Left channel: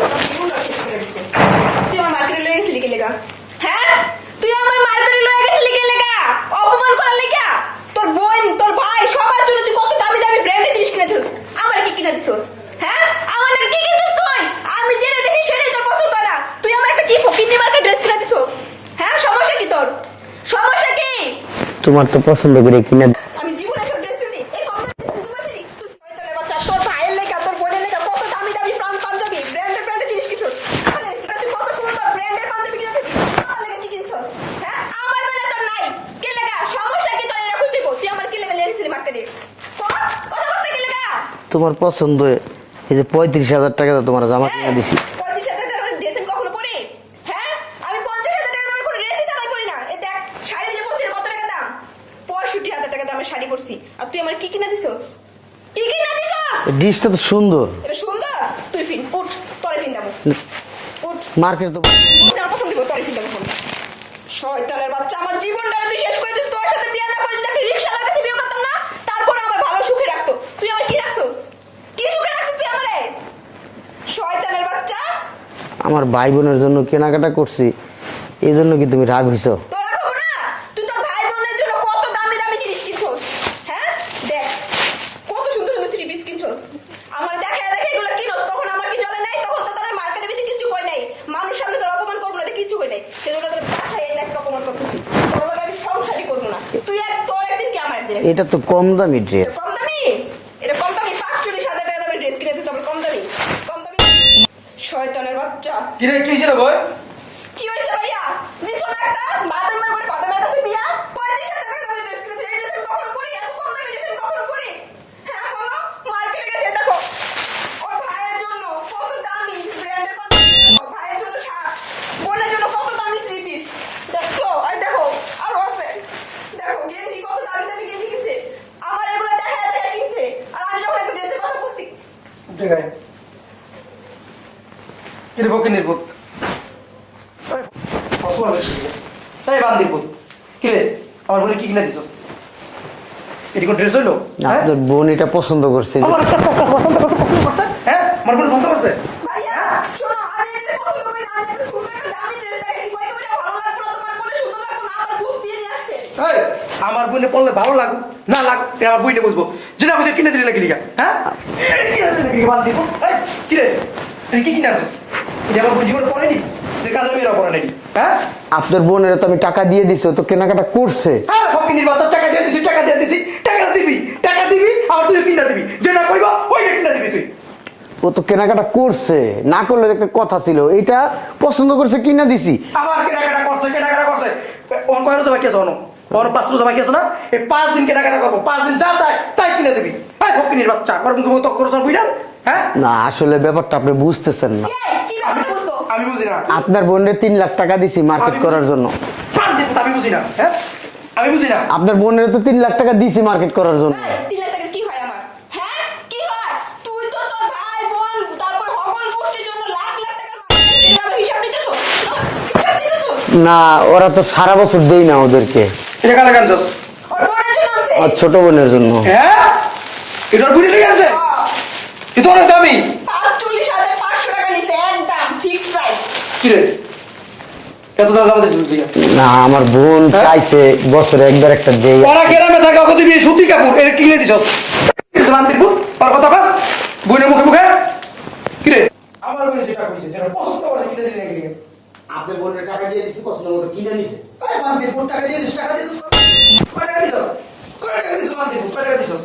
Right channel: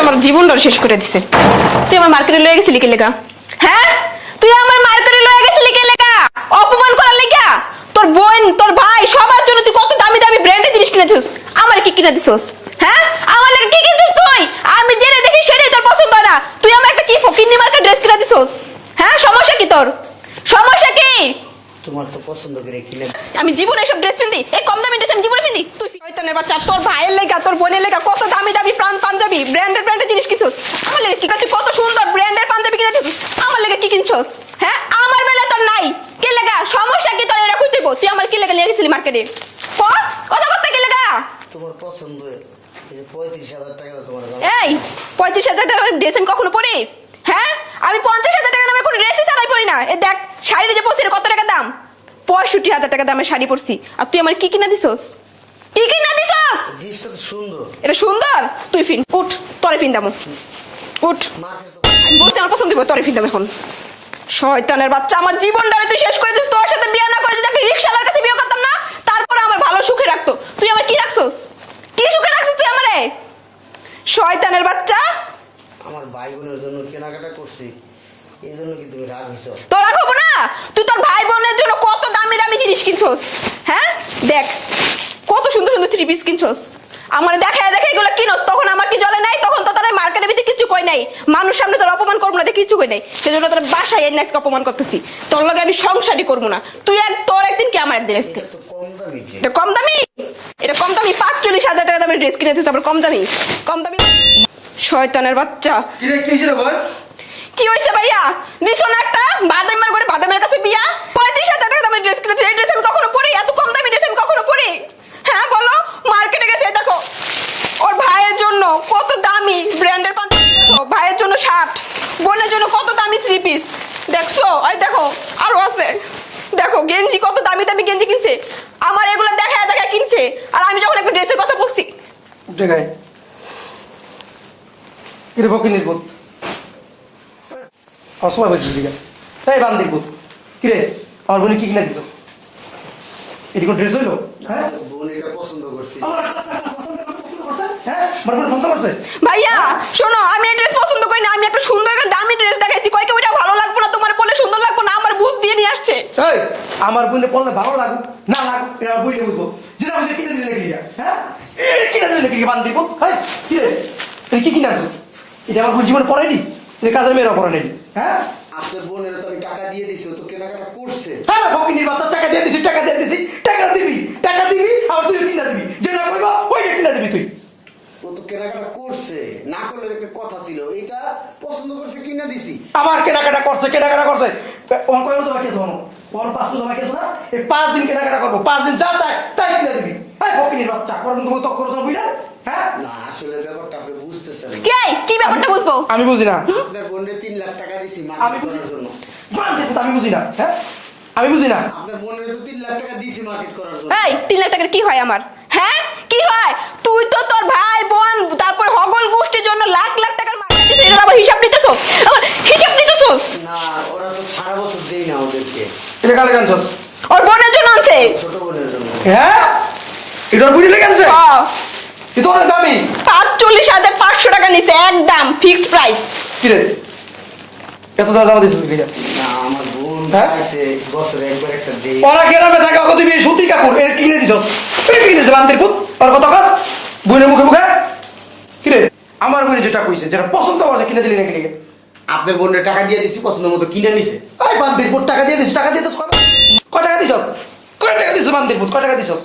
আমার জীবনটা শেষ করে দিছে। তুই আমার মার্কেটে লয়ে গেছিলি কে লেগা? হ্যাঁ, তুই আমার মার্কেটে লয়ে গেছিলি কে লেগা? অপমান করার লেগা? তোর বোন, তোর ভাই সবার জন্য তুই কত দামি দামি ব্র্যান্ডের জিনিস কিনে দিছিস, আমার কি কিনে দিছিস? হ্যাঁ, আমার লাগি কি কিনছিস তুই? আমি যেটা দেখি সেটাই তোর পছন্দ না। তুই আমার একটা কি ফকিন্নি মার্কেট ড্রেস কিনে দিছিস? হ্যাঁ, সমস্যা কি তোর? সমস্যা কি? তোমার তো পছন্দ করে কিনে। আমি জীবনে এসব ড্রেস পিন্দি, এই কম দামি ড্রেস আমি জীবনে পিন্দি? তুই শয়তানের বাচ্চা, তোর ভাইয়ের লেগা, তোর বোনের লেগা কত দামি দামি পাঞ্জাবি ব্র্যান্ডের জিনিস কিনছস। আমার লেগে কি তুই কত সুন্দর ব্র্যান্ডের পাঞ্জাবি কিনে দিছিস, আমার লেগে কি কিনছস? হ্যাঁ, আমার বেলা তোর নাই কে লেগা? সমস্যা কি তোর? এরা কই তুই তুই আমার কি লেগা নিয়ে গেছিলি মার্কেটে? কথা কথা কে লেগা? তোমার পছন্দ এই যে 35,000 টাকা দাও তোমার জামা কিনে দিছি। 35,000 টাকা ড্রেস আমি কখনো পরি? হ্যাঁ, আমি 50,000 টাকা দামের কোনো ড্রেসই ছাড়াই পরি না। এই দেখ শাড়ি যে পরছি কত টাকা দাম? 65,000 টাকা দামের শাড়ি পরছি। আর তুই আমার কি কিনা দিছস? কি কিনা দিছস? ড্রেসটা তো সুন্দর। এটা সুন্দর? তুই ফিন উঠ, তোরে ফিন দাম উঠ। মার্কেট তো বলছি আমার পছন্দ হবে, তোরে ফিন দাম এখন। শয়তানের বাচ্চা, আমার জীবনটা তুই শেষ করে দিস। তোর সাথে বিয়ে না করে যদি একটা রিকশাওয়ালার কাছে বিয়ে করতাম না, তারপরে আমার ভালো সুখে রাখতো। তুই আমার কি রাখছস? কি সুখে রাখছিস তুই আমারে? শয়তানের বাচ্চা। আমার ভাই বোনের জন্য কেনাকাটা করছি, এই জন্য কি তুমি রাগ হইছো? তো রাগ হবো না? তুই তোর ভাই বোনের জন্য কত দামি দামি জিনিস কিনছস। হ্যাঁ, দেখ কত সুন্দর সুন্দর থ্রি পিস কিনছস। আমার দেখা দেখা এগুলো কিনস, তখন আমার কি জ্বলে নাই? তখন তো তাদের মার্কেটের ভিতরে কিছু কই নাই। মানুষ সামনে তোর অপমান করবো না, কিছু কই নাই। সেজন্য তোর বাসায় এনে আজকে অপমান করতেছি। তোর লগে আমি সংসারই করবো না। তুই তোর একদিন কি আমার একদিন। এটা তো কম দামি ড্রেস। এটা কম দামি? এটা কম দামি? 45,000 টাকা দামের ড্রেস কিনে দিস আবার কম দামি? কম দামি শয়তানের বাচ্চা। কি রে, কি হইছে রে বল? কি হইছে ভাইয়া? দিছো না একটা বাদামের করে বাদামের কাছে বিয়া? 35,000 টাকা দামের ড্রেস কিনেছি। এই ড্রেস আমি কখনো পরি? এত কম দামি ড্রেস আমি কখনো পরি? হ্যাঁ বলো। মার্কেটে গেছে দেখো ওর ভাইয়ের জন্য কত দামি ব্র্যান্ডের পাঞ্জাবি, ভাইয়ের জন্য শার্ট, বোনের জন্য কত দামি থ্রি পিস। দেখছো? এই দেখো আরো আছে। দেখো গেঞ্জি, কত দামি দামি গেঞ্জি কিনছে। আমার এগুলো দেখা দেখা কিনছে। আর আমি যখন একটা ড্রেসের কথা বলছি। জায়গায় এর বকে নির্বোধ অসময় হয়েছে দিকে তাই বান্দি বোধ। কি রে, আমার বোনে কি কিনা দিছস? এটি কোন ড্রেস হইলো? আপনার বোন এটা পছন্দ করছে। হ্যাঁ, আমার বোন বলতে পারছে। ভাইয়া শোনো, আমি এই ড্রেস পছন্দ করি না। আমি একটা সুন্দর একটা দামি ড্রেস দেখাইছি। কয়েকে ওইটা ভালো লাগবে না, তোমার বলে সুন্দর লাগবে না, আমার বুঝ দিয়ে নিয়ে আসছে। এই, আমার বোনে পড়লে ভালো লাগুক না লাগুক এটা আমার বইলে বুঝবো। যেটা বুঝে কিনে দিলে নাকি লিগা? হ্যাঁ, কিনে দিলে নাকি বান্দি বোধ? এই কি রে, এটা কি কিনা দিছিস? আমার বোন জীবনে পড়ায়নি, কাজের মেয়েরা পড়ায়নি। হ্যাঁ, আপনার বোনের তো আমি টাকা দিয়ে দিছি, ও তো কেনাকাটা করছে। হ্যাঁ বকে নির্বাচন টাকা দিয়ে দিছি, টাকা দিয়ে দিছি, টাকা দিবি আর তুই কিনা দিবি। যেটা কইবা ওইটা কিনা দিবি তুই। ও তো কেনাকাটা করছে, না করলে একটা কথা ছিল। এটা পছন্দ করছে কিনা দিছি। আমার কেনাকাটা করছে ওর কয়ের তো বাকি আছে হনো, ওর 5 রোজা বাকি আছে না? এই 5 দিন কেনাকাটা করবো, 5 দিন যা চাই তাই কিনে দিবি। হ্যাঁ বকে নির্বাচন কর মুখে মুখ করছ বুঝলেন? হ্যাঁ না, আসলে ব্যাপারটা আপনি বুঝতেছেন না। কি ব্যাপারটা বুঝবো? আমি বুঝি না। আপনার বোনের 3 লাখ টাকা দিছি মার্কেট করার জন্য। আমি বুঝি না। হ্যাঁ, আমি বুঝি না। আপনার বোনের তো 3 লাখ টাকা দিছি মার্কেট করার জন্য। এই 3 লাখ টাকার কি হয় আমার? হ্যাঁ, কি হয়? তুই তো তোর ভাই বোন তারপর হগল গোষ্ঠীর জন্য লাখ লাখ টাকার মার্কেট দিছিস। এটা আবার হিসাব নিতেছস? আবার হিসাব নিতেছস? না, ওরা তো সারা বছর দেই না ওদেরকে। টাকা লাগানছস ওর বোনের জন্য আনছে। ওর ছোট বোনের জন্য। হ্যাঁ, এটার বুঝি লেগেছে কিন্তু অনেক দামি। 45,500 টাকা নিছে একদম ফিক্সড প্রাইস। কি রে, এত দাম জামা দিছিস লিগা? না, আমার বোন চাইছে বছরে একবার একটা দেই। ওরা গ্রামে থাকে ওকে তুমি সুতি কাপড় এর কিনে দিছস। তুই কিনে দিছিস বান্দির পুত? আর কত কাজ বোনের মুখে মুখে কি রে? আমার বোন যেটা কইছে, যেটা পছন্দ করছে কিনে দিলি নাকি লিগা? আপনার বোনের টাকা দিয়ে দিছি, পছন্দ মতো কিনে নিছে। এই বান্দির পুত টাকা দিয়ে দিছিস, টাকা দিয়ে দিছিস কয় টাকা দিছস? কয় টাকা দিছিস বান্দির পুত? কয় টাকা দিছস?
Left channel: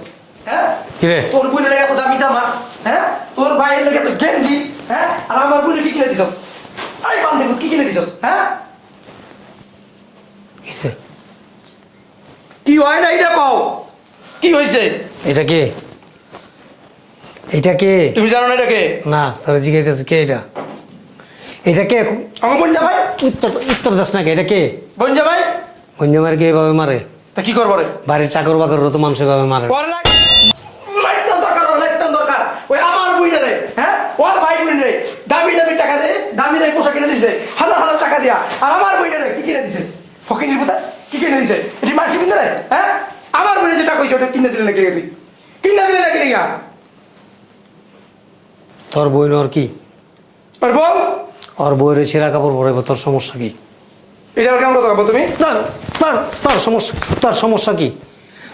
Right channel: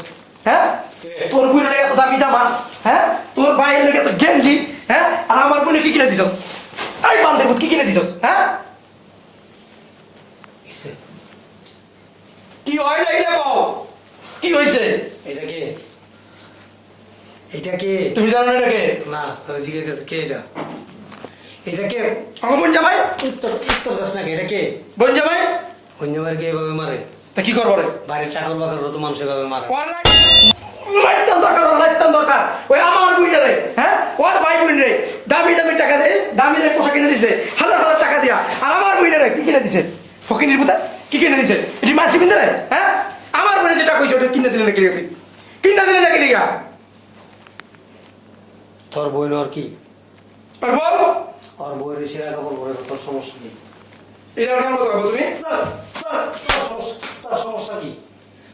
হ্যাঁ, কি রে? তোর বোনের লাগে এত দামি জামা, হ্যাঁ, তোর ভাইয়ের লাগে এত গেঞ্জি, হ্যাঁ, আর আমার বোনের কি কিনে দিছস? এই বান্দির পুত কি কিনে দিছস? হ্যাঁ, কিসে? কি হয় না এটা কও? কি হইছে? এটা কে? এটা কে? তুমি জানো না এটা কে? না, তোরা জিজ্ঞাসা কে এটা? এটা কে? আমার বোন জামাই। উত্তর দাস না কে? এটা কে? বোন জামাই গঞ্জামার কে এভাবে মারে? তা কি করবো রে? বাড়ির চাকর বাকর তো মানুষ এভাবে মারে। লাইতাম দরকার ওই আমার বোন রে, হ্যাঁ, ওর ভাই বোন রে দামি দামি টাকা দিয়ে দামি দামি পোশাক কিনে দিছে, হাজার হাজার টাকা দিয়া। আর আমার বোন রে কি কিনে দিছে? ফকিনির পুতা কি কিনে দিছে? এটি মাসি কিনে রে? হ্যাঁ, আমার বোনে যেটা কইছে ওটা কিনে দিলে নাকি তুই? কিনে দিলে নাকি লিগা? তোর বই নর কি? আর বউ ওর বইয়ের ছেঁড়া কাপড় পরাইবো, তোর সমস্যা কি? এটা কেমন কথা বলবো তুমি? তোর সমস্যা কি?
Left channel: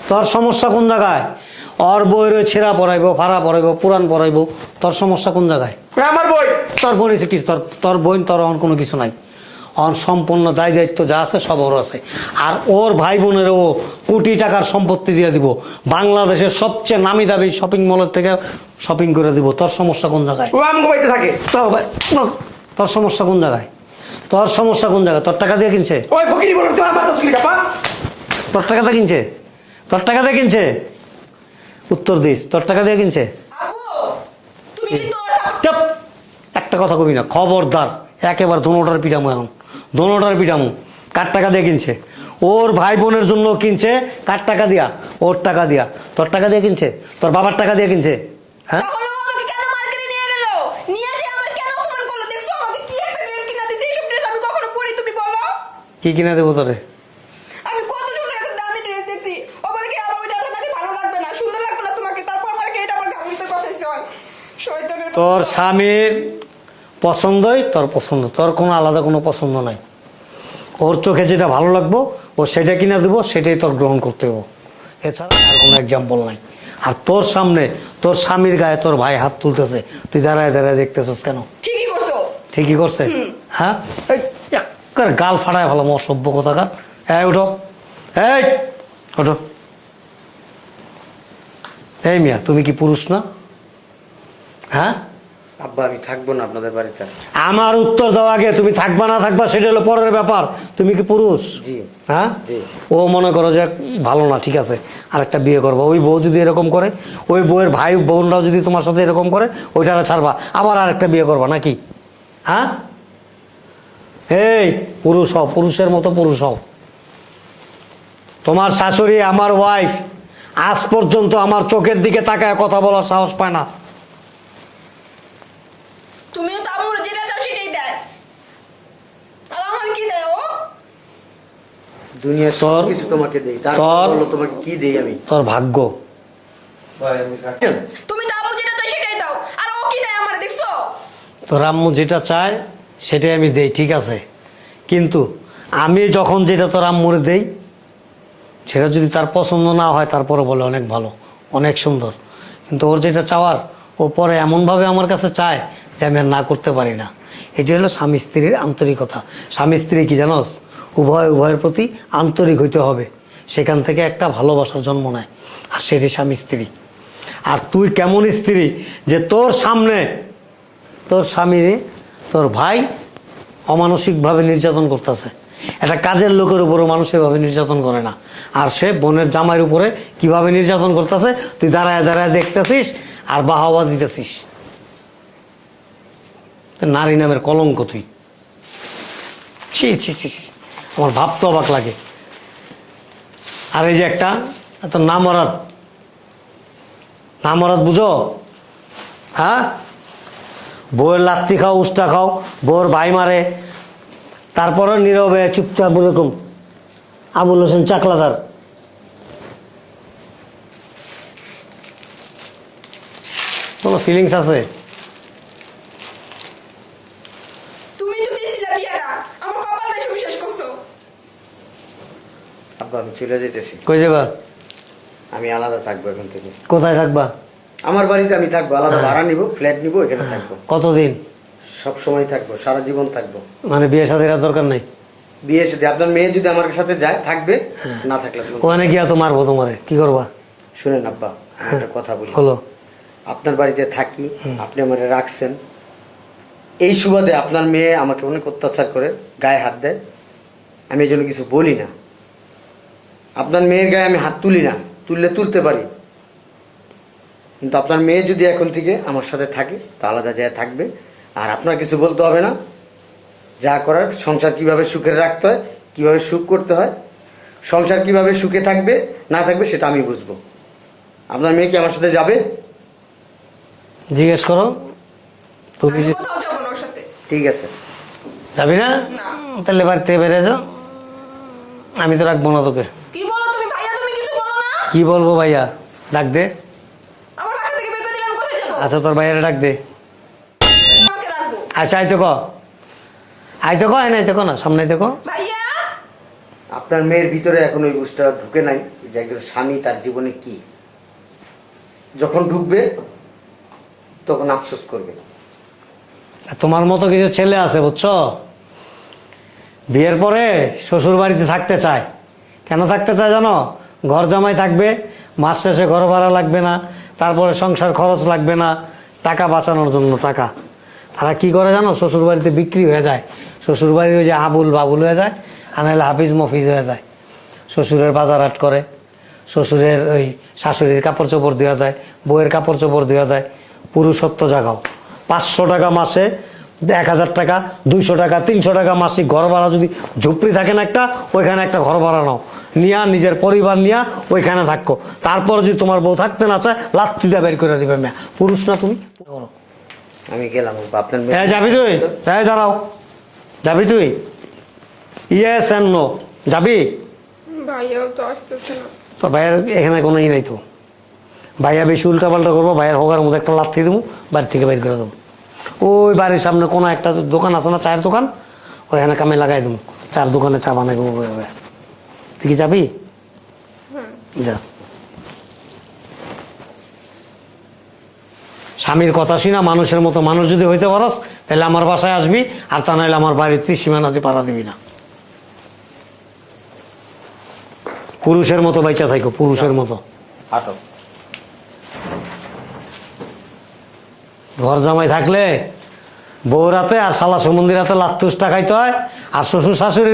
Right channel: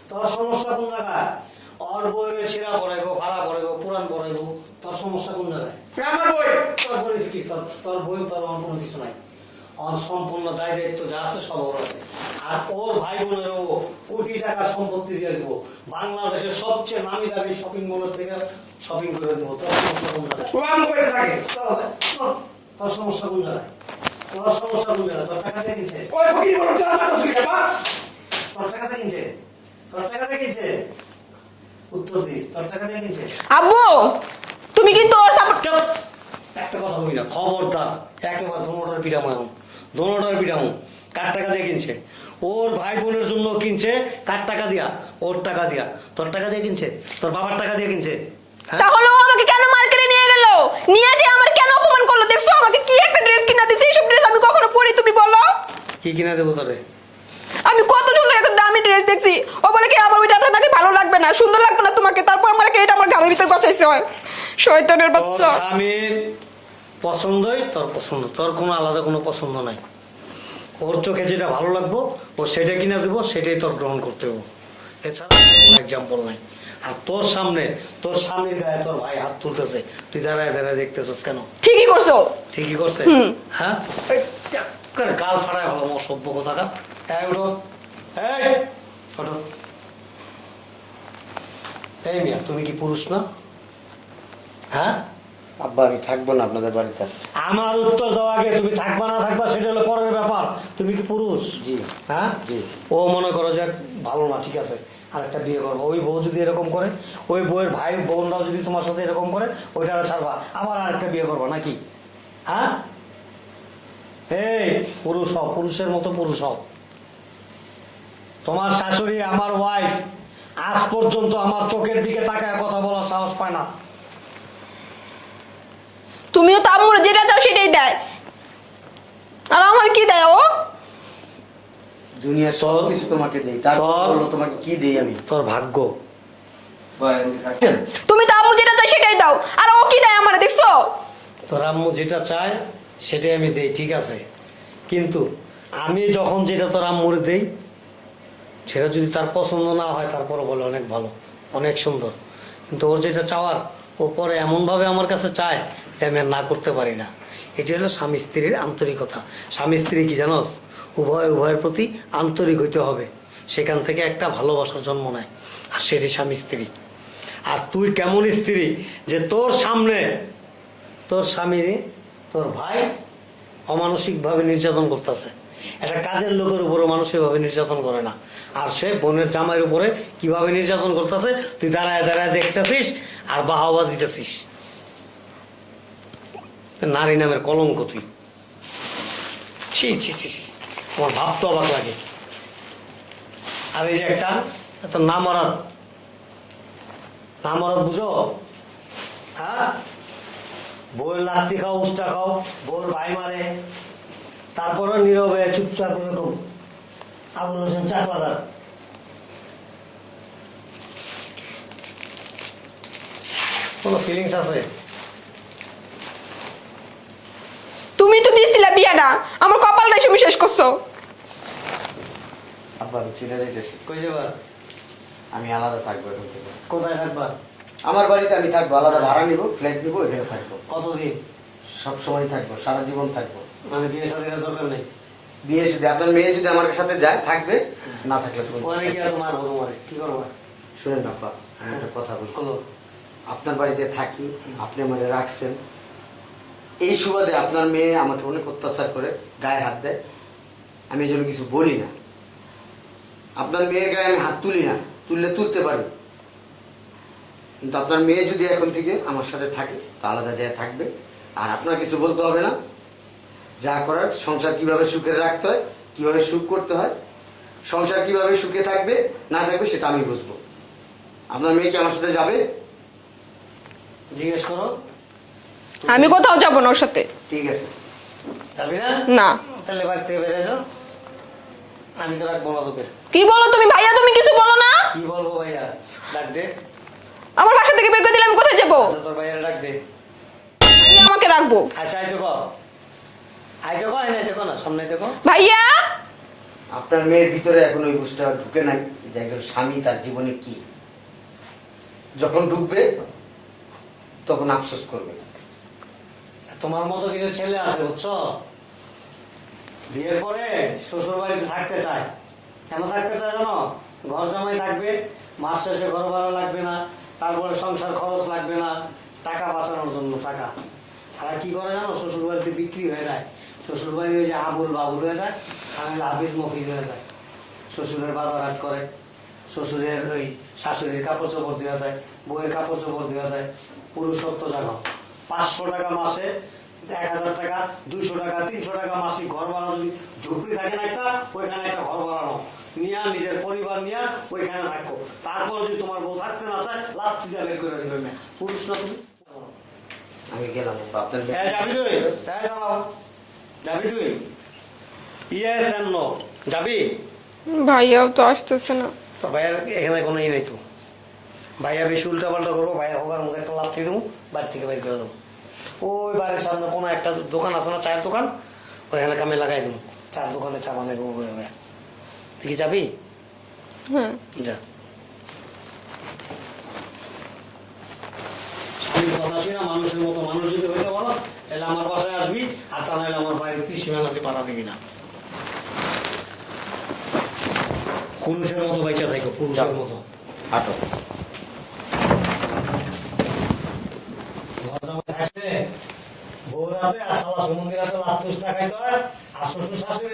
তোর সমস্যা কোন জায়গায়? ওর বইয়ের ছেঁড়া পরাইবো, ফাড়া পরাইবো, পুরান পরাইবো, তোর সমস্যা কোন জায়গায়? আমার বই তোর বোন এসে কি? তোর বোন তোর অন কোনো কিছু নাই। অন সম্পূর্ণ দায় দায়িত্ব যা আছে সব ওর আছে। আর ওর ভাই বোনেরও কোটি টাকার সম্পত্তি দিয়ে দিব, বাংলাদেশের সবচেয়ে নামি দামি শপিং মলের থেকে শপিং করে দিব। তোর সমস্যা কোন জায়গায়? ও আম বইতে থাকে। তোর সমস্যা কোন জায়গায়? তোর সমস্যা কোন জায়গায়? তোর টাকা দিয়ে কিনছে? ওই ফকিরি বলো তোমার বার্তা শুনি কাপা। তোর টাকা দিয়ে কিনছে? তোর টাকা দিয়ে কিনছে? উত্তর দিস, তোর টাকা দিয়ে কিনছে? আব্বু তুমি কিন্তু ওর সাপোর্ট চুপ! একটা কথা কবি না, খবরদার। একেবারে দোনোটার পিটামো, এখন দোনোটার পিটামো। কার টাকা দিয়ে কিনছে? ওর ভাই বোনের জন্য কিনছে। কার টাকা দিয়া? ওর টাকা দিয়া। তোর টাকা দিয়ে কিনছে? তোর বাবার টাকা দিয়ে কিনছে? হ্যাঁ, তাহলে ও আমাকে কেন মার্কেটে নিয়ে গেল? নিয়ে যে আমার কেন অপমান করলো? দেখছো আমাকে কি একটা ড্রেস কিনা দিছে, এইসব ড্রেস আমি কখনো পরি তুমি বলো? কি কিনে দেবো তোরে? আমি কত সুন্দর একটা দামি ড্রেস দেখছি, ও বলে কি আমার ওইটা নাকি ভালো লাগবে না, সুন্দর লাগবে না তোমাকে, তারপর আমার এটা আমার গালের ভিতর বসাইছে হয়। শয়তানের তোর বাচ্চা। স্বামীর পছন্দই তোর পছন্দ, তোর কোনো আলাদা কোনো পছন্দ নাই। ওর চোখে যেটা ভালো লাগবো ও সেটা কিনে দেবো, সেটাই তোর গ্রহণ করতে হবে। এছাড়া কোনো এক্সাম্পল নাই। আর তোর সামনে তোর স্বামীর গায়ে তোর ভাই হাত তুলতেছে, তুই দাঁড়ায় দাঁড়ায় দেখতেছিস কেন? ঠিকই করছো। ঠিকই করছে। হ্যাঁ, এই এক্কেবারে গাল ফাটায় ভালো অসভ্য কথাকার। এই উঠো, এই ওঠো। এই মিয়া, তুমি কি পুরুষ না? হ্যাঁ, আব্বা আমি থাকবো না আপনাদের বাড়িতে। আমার উত্তর দেওয়া আগে তুমি থাকবা না থাকবা সেটা হলো পরের ব্যাপার। তুমি কি পুরুষ? জি। হ্যাঁ, জি। ও মনে করো যে ভালো না, ঠিক আছে, আরেকটা বিয়ে করবো। ওই বউ যদি এরকম করে, ওই বউয়ের ভাই বোনরাও যদি তোমার সাথে এরকম করে, ওইটা ছাড়বা, আবার আরেকটা বিয়ে করবা নাকি? হ্যাঁ, এই পুরুষ হও, পুরুষের মতো পুরুষ হও। তোমার শাশুড়ি আমার ওয়াইফ আজ পর্যন্ত আমার চোখের দিকে তাকায় কথা বলার সাহস পায় না। তুমিও তো আম্মুর যেটা চাও সেটাই দেয়, আর আমার কি দেয় ও? দুনিয়ার সব তোর- কিছু তোমাকে দেই, তারপর তোর- বলো তোমাকে কি দেই আমি? তোর ভাগ্য। তুমি তো আম্মু যেটা চাই সেটাই দাও, আর ও কি দেয় আমার দেখছো? তোর আম্মু যেটা চায় সেটাই আমি দেই, ঠিক আছে, কিন্তু আমি যখন যেটা তোর আম্মুরে দেই সেটা যদি তার পছন্দ না হয়, তারপরে বলে অনেক ভালো, অনেক সুন্দর, কিন্তু ওর যেটা চাওয়ার ও পরে এমনভাবে আমার কাছে চায় যে আমি আর না করতে পারি না। এটা হলো স্বামী স্ত্রীর আন্তরিকতা। স্বামী স্ত্রী কি জানোস? উভয়ের প্রতি আন্তরিক হইতে হবে, সেখান থেকে একটা ভালোবাসার জন্ম নেয়, আর সেটি স্বামী স্ত্রী। আর তুই কেমন স্ত্রী যে তোর সামনে তোর স্বামী তোর ভাই অমানসিকভাবে নির্যাতন করতেছে। একটা কাজের লোকের উপরে মানুষ এভাবে নির্যাতন করে না, আর সে বোনের জামাইয়ের উপরে কিভাবে নির্যাতন করতেছে তুই দাঁড়ায় দাঁড়ায় দেখতেছিস আর বাহাবা দিতেছিস। নারী নামের কলঙ্ক তুই। ছি ছি ছি ছি, আমার ভাবতে অবাক লাগে। আর এই যে একটা এত নামরাত বুঝো? হ্যাঁ, বউয়ের লাত্তি খাও, উস্তা খাও, বউয়ের ভাই মারে, তারপরে নীরবে চুপচাপ এরকম। আবুল হোসেন চাকলাদার। কোনো ফিলিংস আছে? তুমি তো দিছিলা বিয়াটা, আমার কপালটা এসে শেষ করছো। আব্বা আমি চলে যেতেছি, কই যাবা? আমি আলাদা থাকবো এখন থেকে। কোথায় থাকবা? আমার বাড়িতে আমি থাকবো, আলাদা ভাড়া নিবো, ফ্ল্যাট নিবো, এখানে থাকবো। কতদিন? সব সময় থাকবো, সারা জীবন থাকবো। মানে বিয়ে সাথে দরকার নেই? বিয়ে সাথে আপনার মেয়ে যদি আমার সাথে যায় থাকবে, না থাকলে তুমি ওখানে গিয়া তো মারবো তোমারে, কি করবা? শুনেন আব্বা, আমি একটা কথা বলি। হলো? আপনার বাড়িতে থাকি, আপনি আমাকে রাখছেন, এই সুবাদে আপনার মেয়ে আমাকে অনেক অত্যাচার করে, গায়ে হাত দেয়, আমি এই জন্য কিছু বলি না। আপনার মেয়ের গায়ে আমি হাত তুলি না, তুলতে পারি, কিন্তু আপনার মেয়ে যদি এখন থেকে আমার সাথে থাকে তো আলাদা জায়গায় থাকবে, আর আপনার কিছু বলতে হবে না। যা করার, সংসার কিভাবে সুখে রাখতে হয়, কিভাবে সুখ করতে হয়, সংসার কিভাবে সুখে থাকবে না থাকবে সেটা আমি বুঝবো। আপনার মেয়ে কি আমার সাথে যাবে? জিজ্ঞেস করো। তুমি আমি কোথাও যাবো না ওর সাথে। ঠিক আছে। যাবি না? না। তাহলে বাড়ি থেকে বেরিয়ে যাও, আমি তো রাখবো না তোকে। কি বলো তুমি ভাইয়া? তুমি কিছু বলো না। কি বলবো ভাইয়া? ডাক দে। আমার বাসা থেকে বের করে দিলে আমি কোথায় যাবো? আচ্ছা তোর ভাইয়ারে ডাক দে। লাগবো। আচ্ছা আইতে ক, আইতে ক, আইতে ক না, সামনে আইতে ক। ভাইয়া আপনার মেয়ের ভিতরে এখন ওই বুঝটা ঢুকে নাই যে একজন স্বামী তার জীবনে কি। যখন ঢুকবে তখন আফসোস করবে। তোমার মতো কিছু ছেলে আছে বুঝছো, বিয়ের পরে শ্বশুর বাড়িতে থাকতে চায়। কেন থাকতে চায় জানো? ঘর জামাই থাকবে, মাস শেষে ঘর ভাড়া লাগবে না, তারপরে সংসার খরচ লাগবে না, টাকা বাঁচানোর জন্য টাকা। তারা কি করে জানো? শ্বশুর বাড়িতে বিক্রি হয়ে যায়, শ্বশুর বাড়ির ওই যে আবুল বাবুল হয়ে যায়, আর নাহলে হাফিজ মফিজ হয়ে যায়। শ্বশুরের বাজার হাট করে, শ্বশুরের ওই শাশুড়ির কাপড় চোপড় দেওয়া যায়, বউয়ের কাপড় চোপড় দেওয়া যায়। পুরুষত্ব জাগাও। 500 টাকা মাসে, 1000 টাকা, 200 টাকা, 300 টাকা মাসিক ঘর ভাড়া যদি ঝুপড়ি থাকে না একটা, ওইখানে একটা ঘর ভাড়া নাও, নিয়া নিজের পরিবার নিয়া ওইখানে থাকো। তারপর যদি তোমার বউ থাকতে না চায়, লাত্তিটা বের করে দিবে। মেয়া পুরুষ না তুমি? আমি গেলাম আপনার হ্যাঁ যাবি তুই? হ্যাঁ দাঁড়াও, যাবি তুই? ইয়েস এন্ড নো, যাবি? ভাইয়াও তো আসতেছে না। তো ভাইয়ের এখানে কোনো ই নাই তো। ভাইয়া বেশি উল্টাপাল্টা করবো, ভাইয়ের হোগার মধ্যে একটা লাথি দেবো, বাড়ি থেকে বের করে দেবো। ওই বাড়ির সামনে কোনো একটা দোকান আছে না, চায়ের দোকান, ওইখানে কামে লাগাই দেবো, চার দোকানে চা বানাই দেবো। তুই কি যাবি? যা। স্বামীর কথা শুনা মানুষের মতো মানুষ যদি হইতে পারস, তাহলে আমার বাসায় আসবি, আর তা নাহলে আমার বাড়িতে সীমানাতে পাড়া দিবি না। পুরুষের মতো বাইচা থাকো, পুরুষের মতো। আটক। ঘর জামাই থাকলে বউ রাতে আর শালা সুমন্দির রাতে লাত্তুস টাকাইতে হয়, আর শ্বশুর শাশুড়ি